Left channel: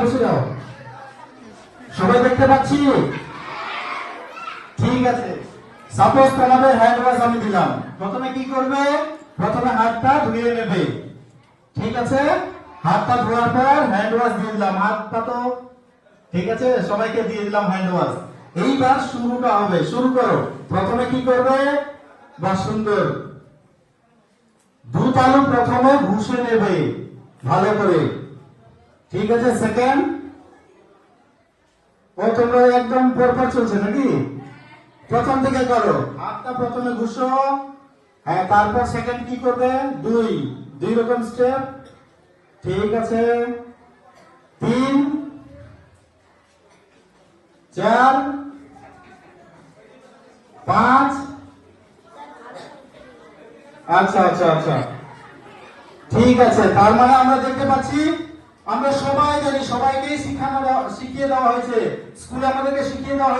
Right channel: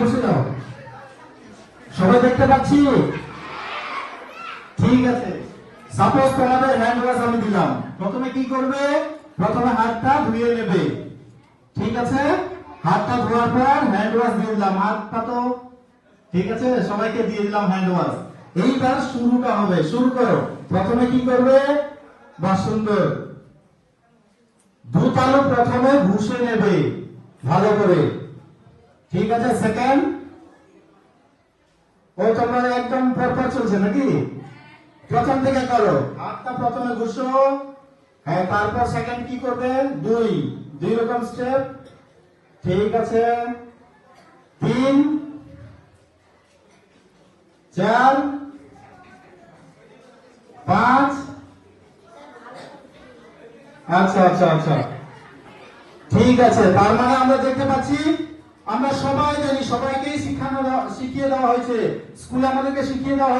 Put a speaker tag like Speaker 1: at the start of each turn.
Speaker 1: বসে যাও সবাই দেখতে পাচ্ছি? ঠিক আছে। সাপোজ তোমাদের হ্যান্ড ওয়াশ আমি দিলাম। প্রথমে কি করবে? প্রথমে হাতটা ধুয়ে নেবে। ঠিক আছে? হাতটা ধোয়ার পর হ্যান্ড ওয়াশ দিয়ে দিলাম। হাতটা তো, ঠিক আছে? সবাইকে দিয়ে দিলাম হ্যান্ড ওয়াশ এইবার শুরুটা হবে। শুরু করো। প্রথমে কি করবে? বা সুন্দর। দুধ আলু প্রথমে ঘুষে নেবে। ভালো করে। ঠিক আছে সেকেন্ড ও, তোমরা একদম পরপর চলছে নাকি? প্রথম থেকে করো। হাতটা প্রথমে ঘুষো। হ্যাঁ তারপর সেকেন্ড কি করবে? দুই। দুই রকম স্টেপ ঠিক আছে। তিন। চার। পাঁচ। আচ্ছা আচ্ছা আচ্ছা। ঠিক আছে, তার মানে আমরা দেখতে পাচ্ছি আমরা সবাই জানি সবাইকেই শিখানো শিখিয়ে দেওয়া হয়েছে। স্কুলে আমাদেরকে শিখিয়ে দেওয়া